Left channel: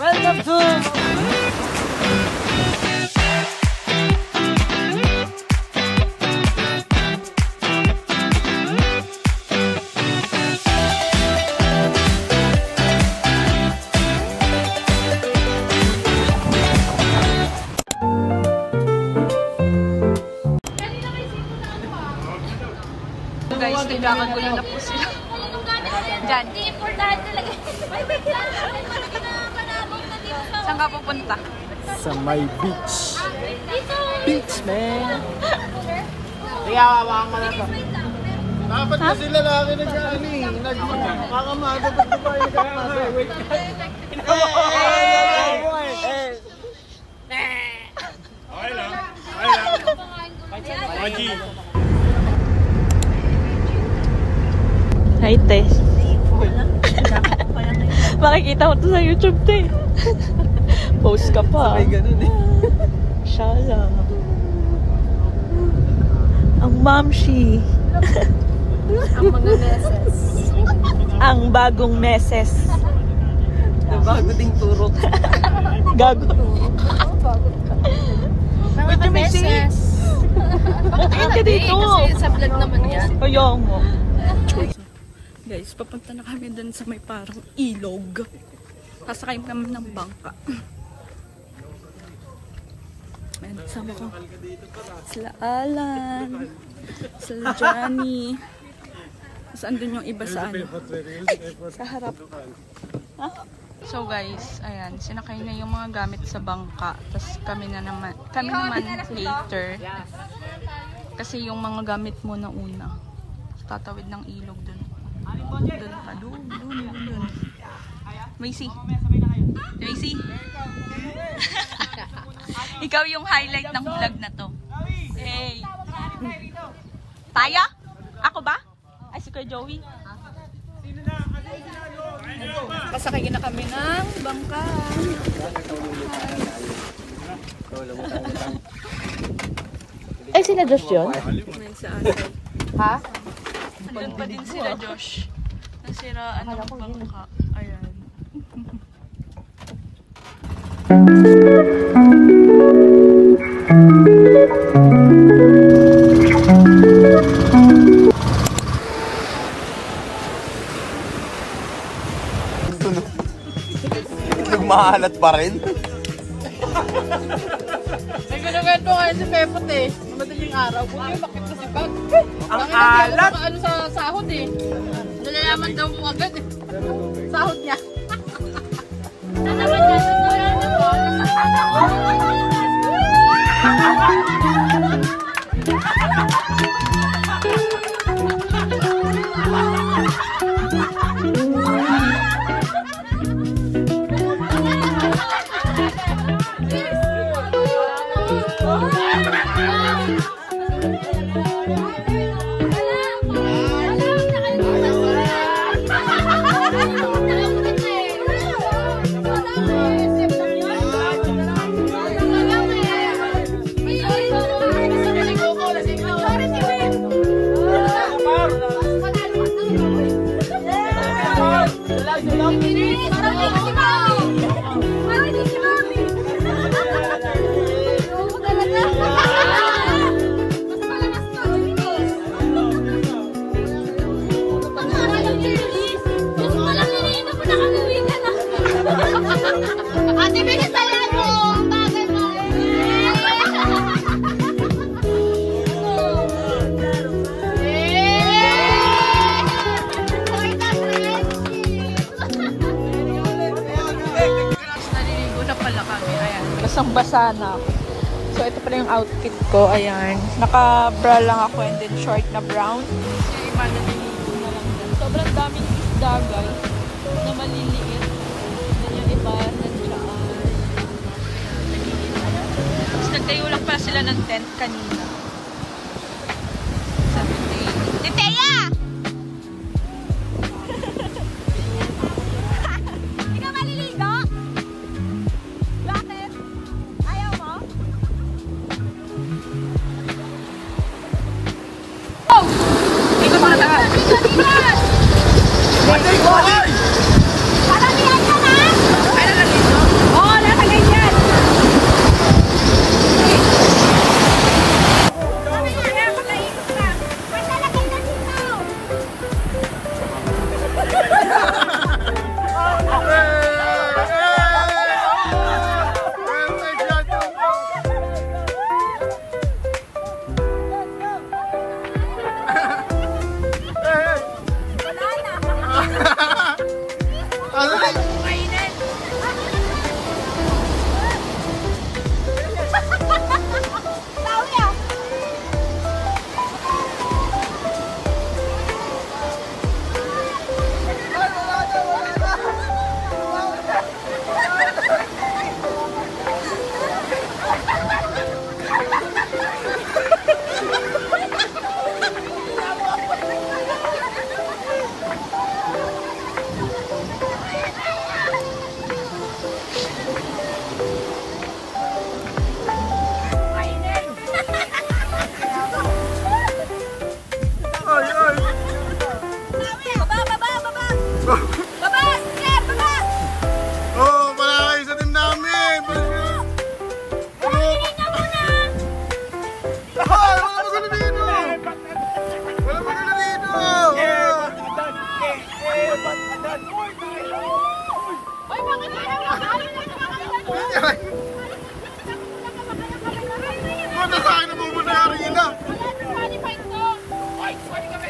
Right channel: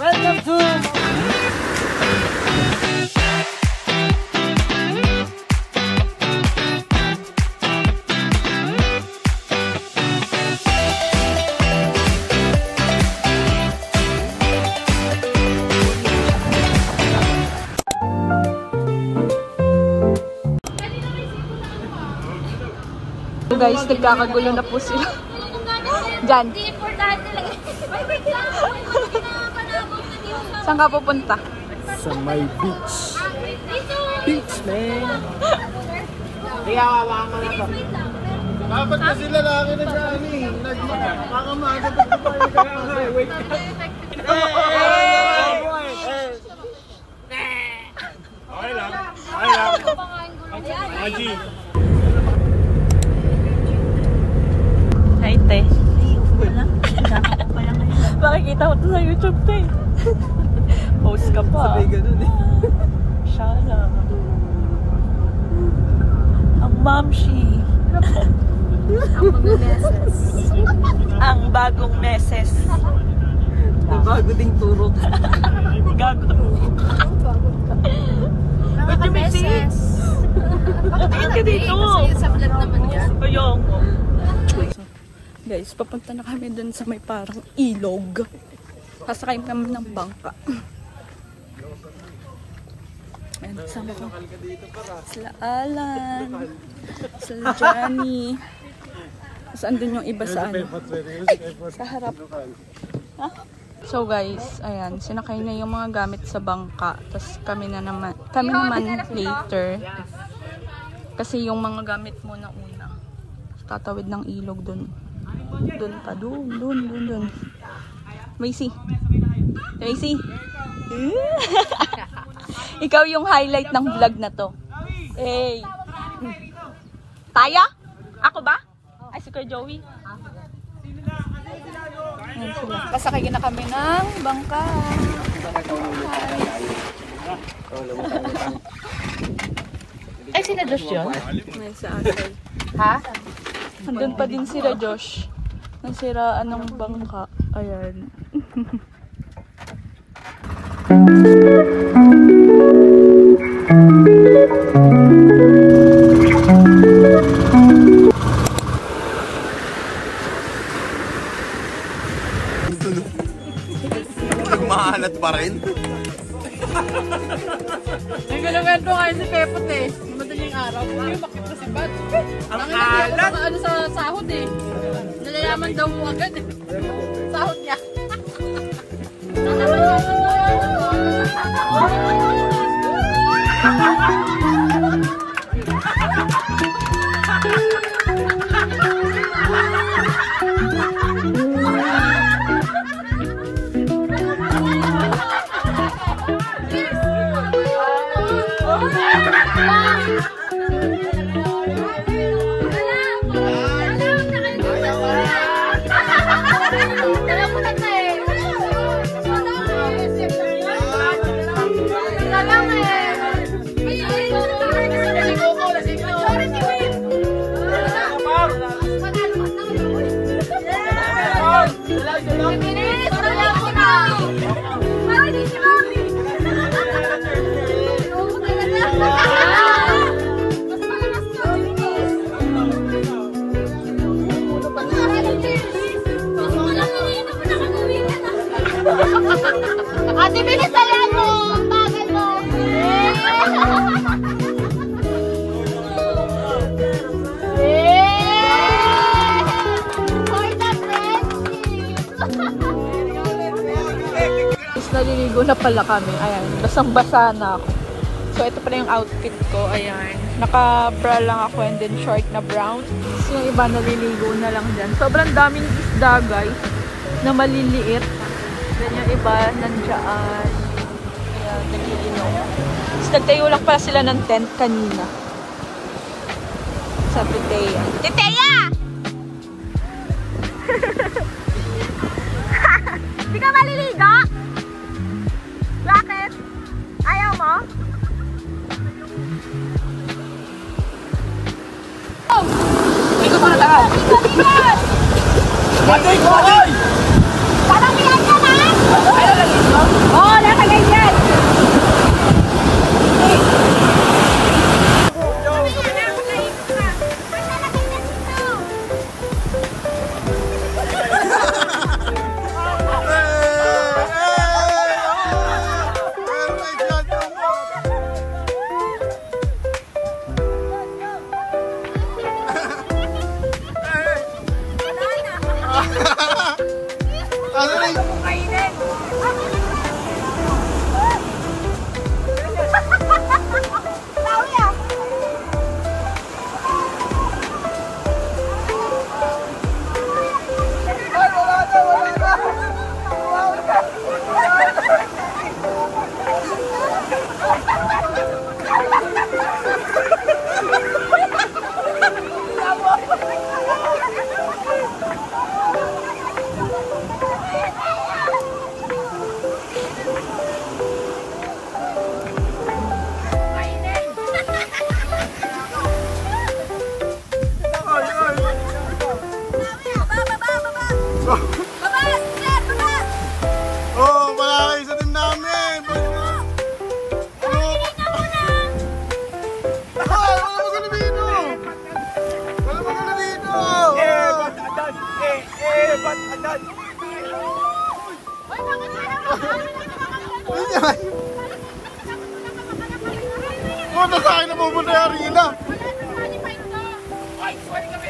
Welcome to guys, nagkakagulo na po sila. Diyan. Saan ka pupunta? sa my beach. Beach, man! Kaya hawakan mo na to. Dapat na sila laki nag-ani. Nagmakamada pa tayo kaya wait ka. Okay lang. Okay lang. Maji. Hi, te. Makikita ko to sa YouTube, te. Post ka pa. Sabay ganun eh. Shala. Ang mamshi. Ang mga meses. Ang bagong meses. Na bago ding turok. Gago. Ba't yung may sis? Tingin ka dito. Sa vlog naman yan. Kaya mo. Guys, papunta na kami dun sa may parang ilog. Sasakay kami ng bangka. Ayan, sama ko. Sila Alan. Sila Johnny. Saan dun yung iba sa ano? Sa harap. Ha? So guys, ayan. Sinakay na yung mga gamit sa bangka. Tapos kami naman later. Kasi yung mga gamit mo na una. Tatawid ng ilog dun. Dun pa. Dun. Macy. Macy. Ikaw yung highlight ng vlog na to. Hey. Taya? Ako ba? Ay, si Kuya Joey. Pasakay na kami ng bangka. Ay, sina Josh yun? May sa atin. Ha? Andun pa din sila Josh. Nasiraan ng bangka. Ayan. Nagmahalat pa rin. Nagkakento nga si Pepot eh. Madaling araw. Buti yung bakit na si Bad. Bakit hindi ako makaano sa sahod eh. Nalalaman daw mo agad eh. Sahod niya. Naliligo na pala kami. Ayan, basang-basa na ako. So, ito pala yung outfit ko. Ayan, naka-bra lang ako and then short na brown. Yung iba naliligo na lang dyan. Sobrang daming isda, guys, na maliliit. Then yung iba nandiyan. Ayan, nag-iinom. Tapos nagtayo lang pala sila ng tent kanina. Sabi Teya. Teya! Hindi ka maliligo? Bakit? Ayaw mo? Oh! Ikot mo na tayo! Watay ko! Parang niyan yan, ha? Ay, lalagay mo? Oo, lalagay yan. Oh, wala kayo sa team namin. Wala magana dito. Wala magana dito. Muna sa akin na pupunta yung arena.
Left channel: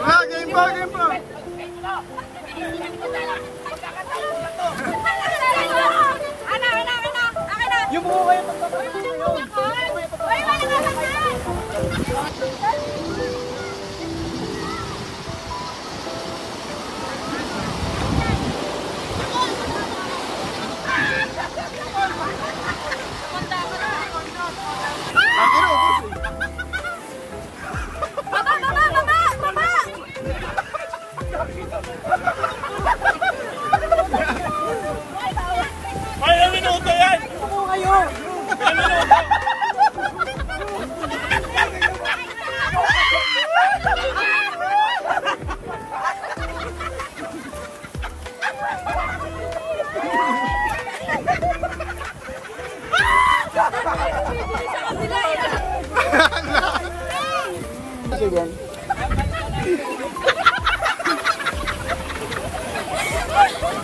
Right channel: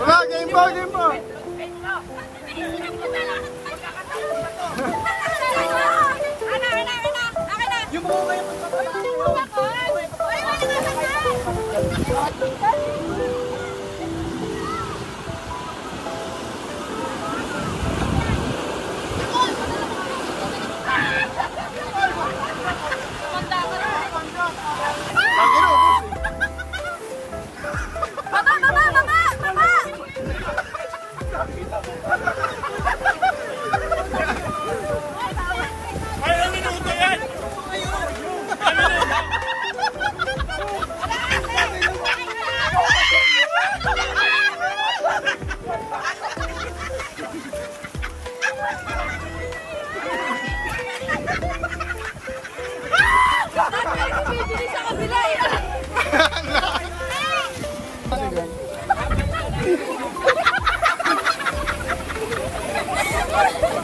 Wala, game pa, game pa. Yung buka yung Bakit ubos eh? Ay, ang minuto yan!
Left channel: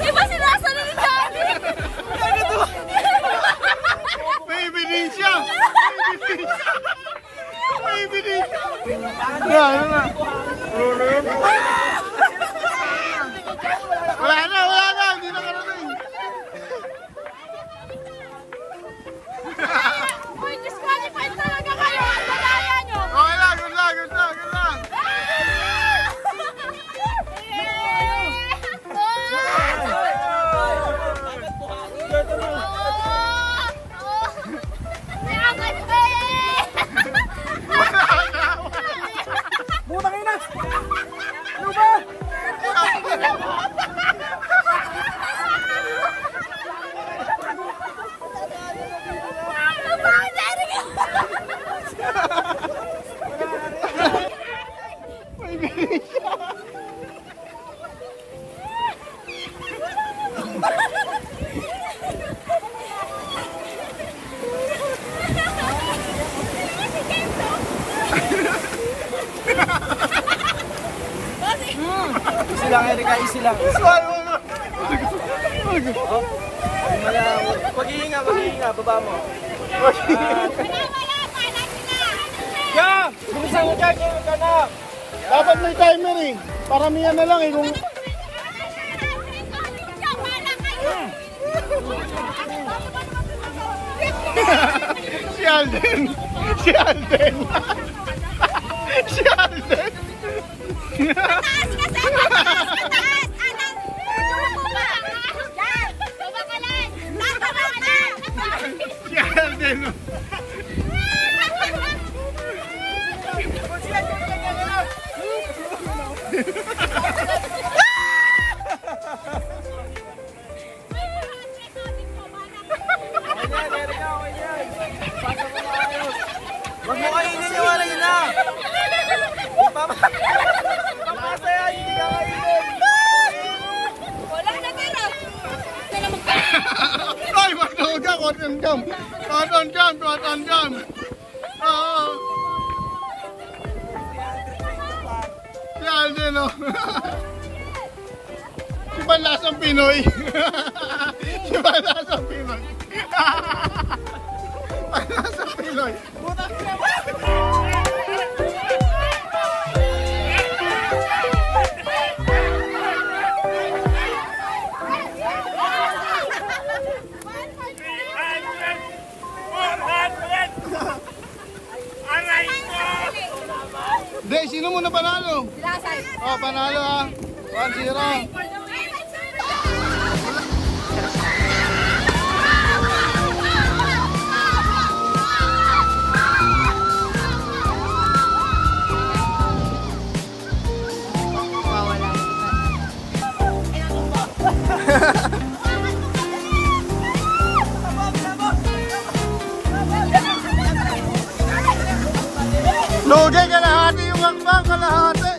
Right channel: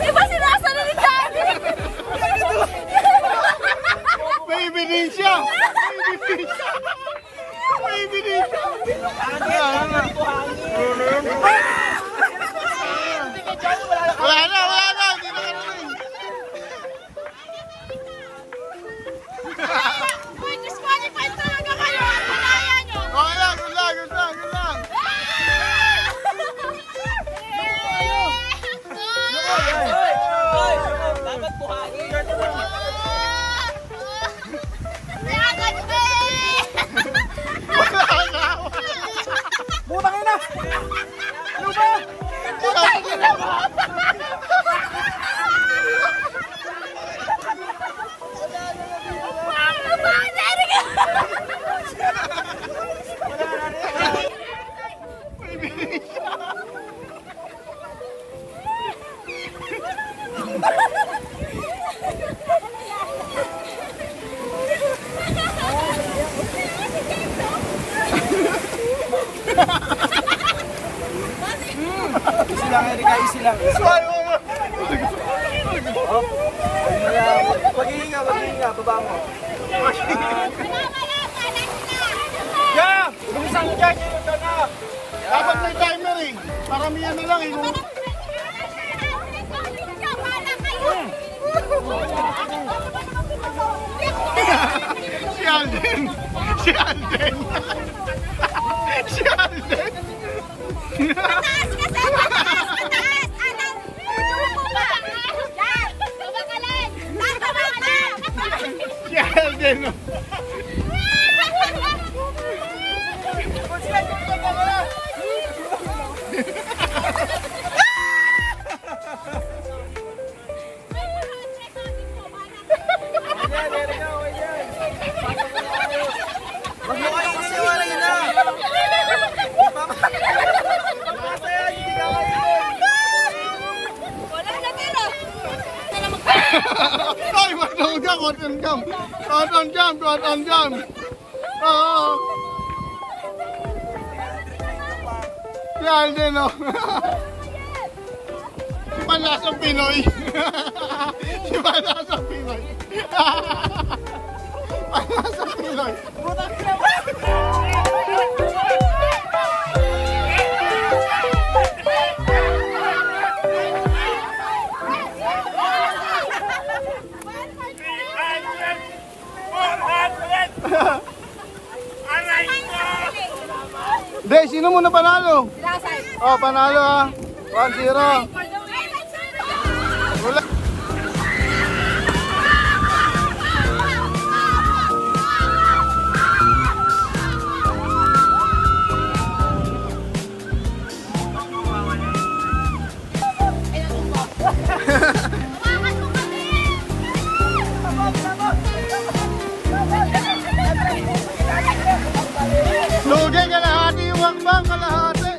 Iba sinasalo ni Johnny! May ebidensya! May ebidensya! Ano na? Wala na! Hindi na karating! Uy, disqualified talaga kayo! Wala yan yun! Okay lang, good lang! Butang ina! Ano ba? Easy lang, Erika, easy lang. Oh, pag-ihinga, baba mo. Yeah! Bilisan mo dyan! Dapat may timer eh. Paramihan na lang eh. Si Alden! Si Alden! Si Alden! Si Alden! Wag mo kayo niniwala yun na. Ay, magduga, cotton jam. Cotton jam, cotton jam. Oo. Si Alden, oh. Si Panlasang Pinoy. Si Panlasang Pinoy. Panlasang Pinoy. Hindi, sino muna panalo? Oh, panalo. 1-0. Wala. Lugay, kalahati yung hakbang, kalahati.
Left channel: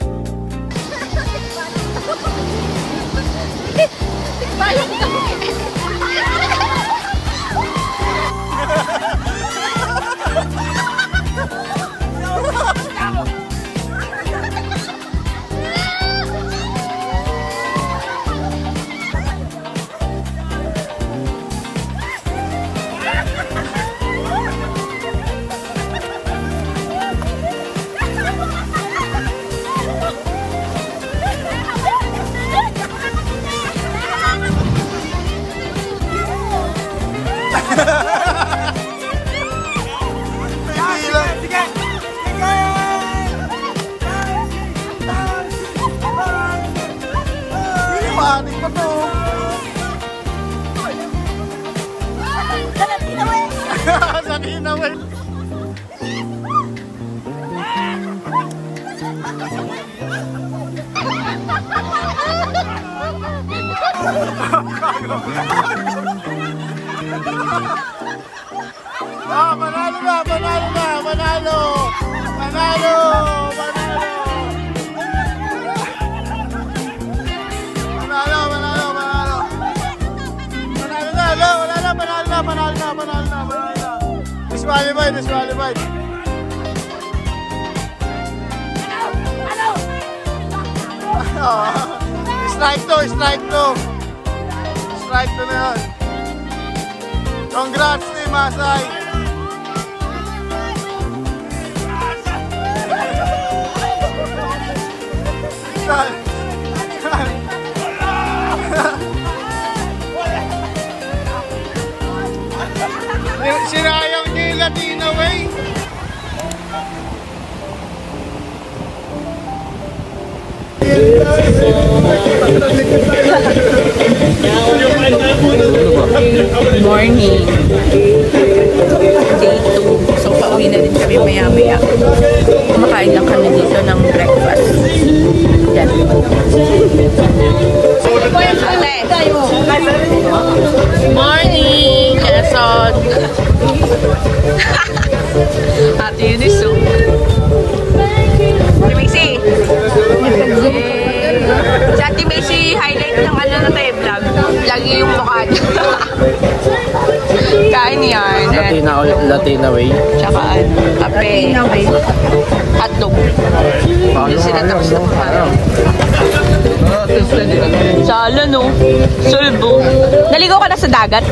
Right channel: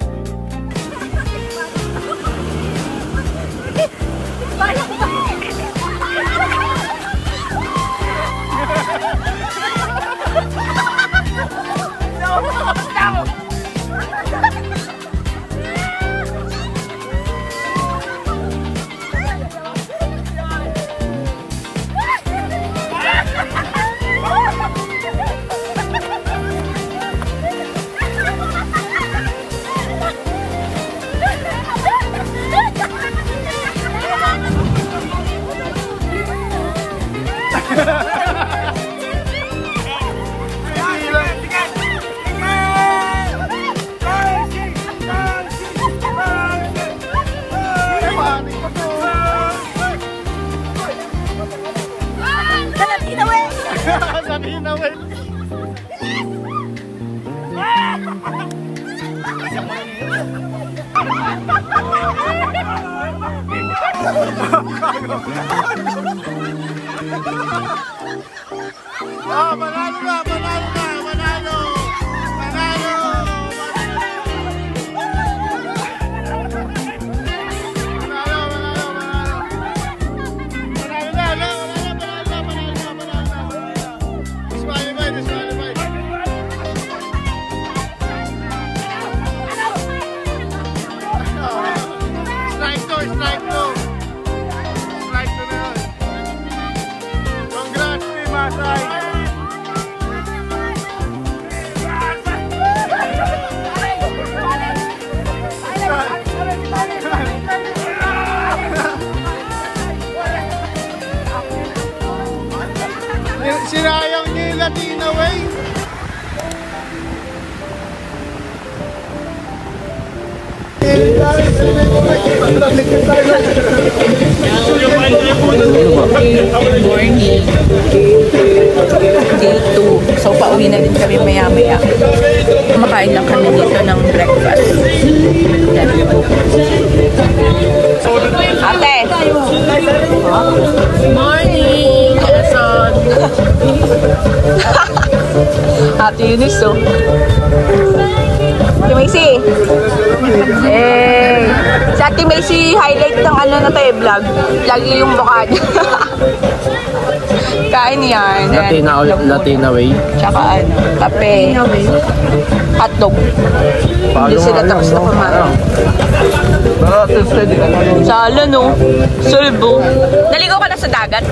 Ah, panalo na, panalo na, panalo. Panalo, panalo. Panalo, panalo, panalo. Panalo na. Disqualified. Strike to. Strike to na yun. Congrats, Team Masay. Sinayang ni Latina Way. Morning. Day 2. So, pauwi na din kami maya-maya. Kumakain lang kami dito ng breakfast. Yan. Ate! Morning! Quezon! Ate Eunice, oh. Si Macy! Si Ate Macy, highlight ng ano na tayo, vlog. Lagi yung mukha niya. Kain yan. Latina Way. Tsaka ano, kape. Hotdog. Hindi sila tapos na kumain. Sala, no? Sulbo. Naligo ka na sa dagat?